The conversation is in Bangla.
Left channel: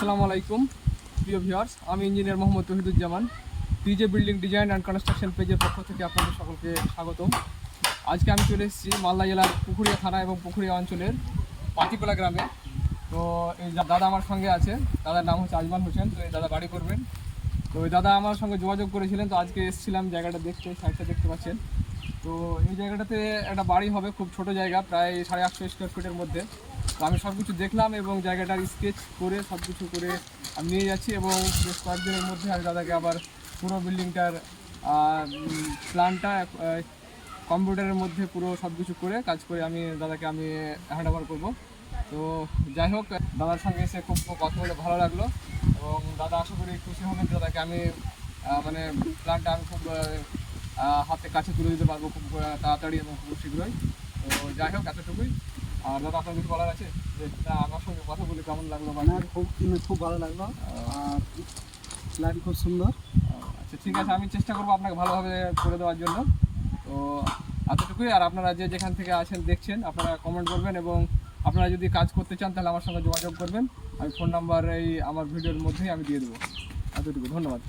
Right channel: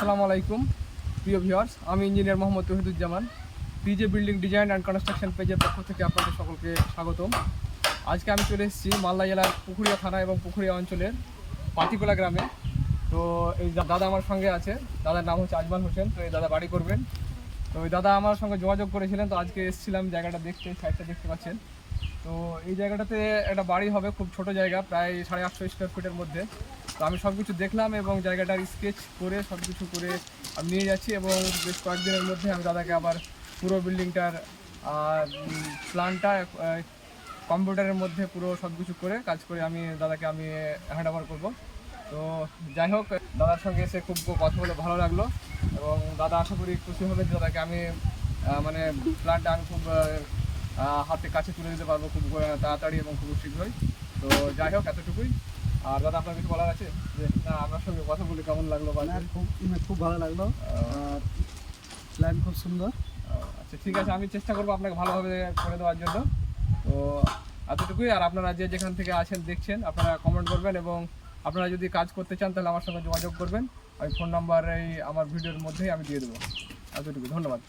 আসসালামু আলাইকুম প্রিয় ভিউয়ার্স, আমি engineer Mohammad Touhiduzzaman. PJ building design and construction পেজের পক্ষ থেকে আপনাদের সকলকে স্বাগতম। আজকে আমি চলে এসেছি মালদা জেলার পুকুরিয়া থানা এবং পুকুরিয়া অঞ্চলের পাতিকোলা গ্রামে। তো এই দাদা আমার সঙ্গে আছে, দাদার নাম হচ্ছে আজমান হোসেন। তো এই দাদা বাড়ি করবেন। তো ওই দাদা আমার সঙ্গে যোগাযোগ করেছিলেন, তো আজকে এসেছিলাম জায়গাটা দেখতে। সাইডটা দেখতে পাচ্ছেন। তো এই জায়গাটাতে একটা বাড়ি হবে, খুব ছোট জায়গা, প্রায় 850 স্কোয়ার ফিটের মধ্যে। তো আমি সব কিছু দেখলাম এবং জায়গাটার স্কেচ করে সব কিছু করে আমি নিয়ে যাচ্ছি এবং বেশ কয়েকদিনের মধ্যে আমি দাদাকে আবার পুরো বিল্ডিংটার প্ল্যানটা কম্পিউটারের মধ্যে পুরো সব কিছু করে কাজ করে আমি দাদাকে হ্যান্ড ওভার করবো। তো যাই হোক, দাদার সঙ্গে এসে খুব কথা বলে ভালো লাগলো এবং দাদা আশা করি খুশি হবেন। দাদাকে আমি মানে প্ল্যানটা আমি খুব হাতে কাছে তুলে দিতে পারবো খুব তাড়াতাড়ি এবং খুব শীঘ্রই। তো যাই হোক, এতটুকুই। আর দাদা, আপনার কিছু বলার আছে? যে না, আপনার সঙ্গে কথা বলে কেমন লাগলো? না, খুব ভালো লাগলো। প্ল্যান খুব সুন্দর। আচ্ছা, ঠিক আছে, আমি চেষ্টা করবো আপনাকে ভালোভাবে করে দেওয়ার জন্য। তো এতটুকুই। আর আপনারা যে যেখান থেকে আছেন দেখছেন, আপনারা কমেন্ট করবেন এবং আপনারা যদি কাজ করতে চান তাহলে আমার সঙ্গে যোগাযোগ করবেন। আমি ফোন নাম্বার এই আমার ভিডিওর মধ্যেই আমি দিয়ে দেবো। এতটুকু, ধন্যবাদ।